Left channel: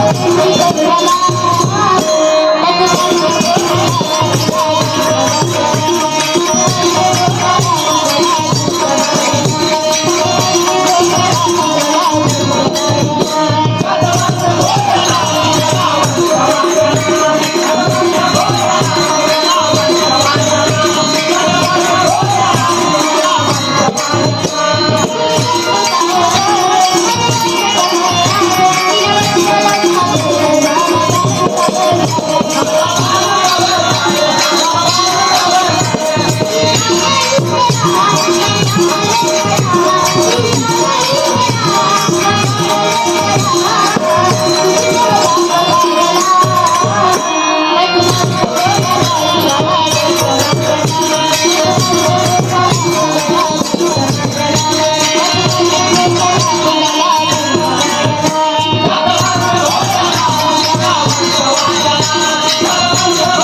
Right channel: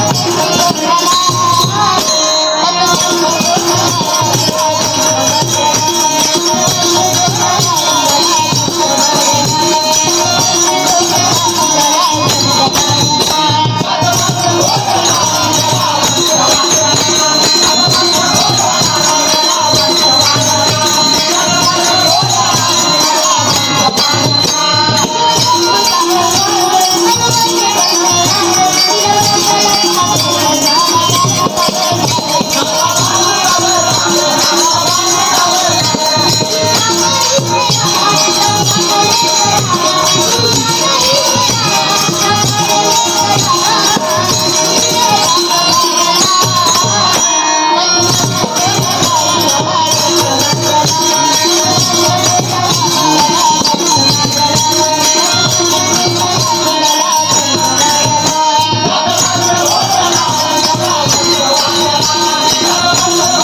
¡Gracias! Allah.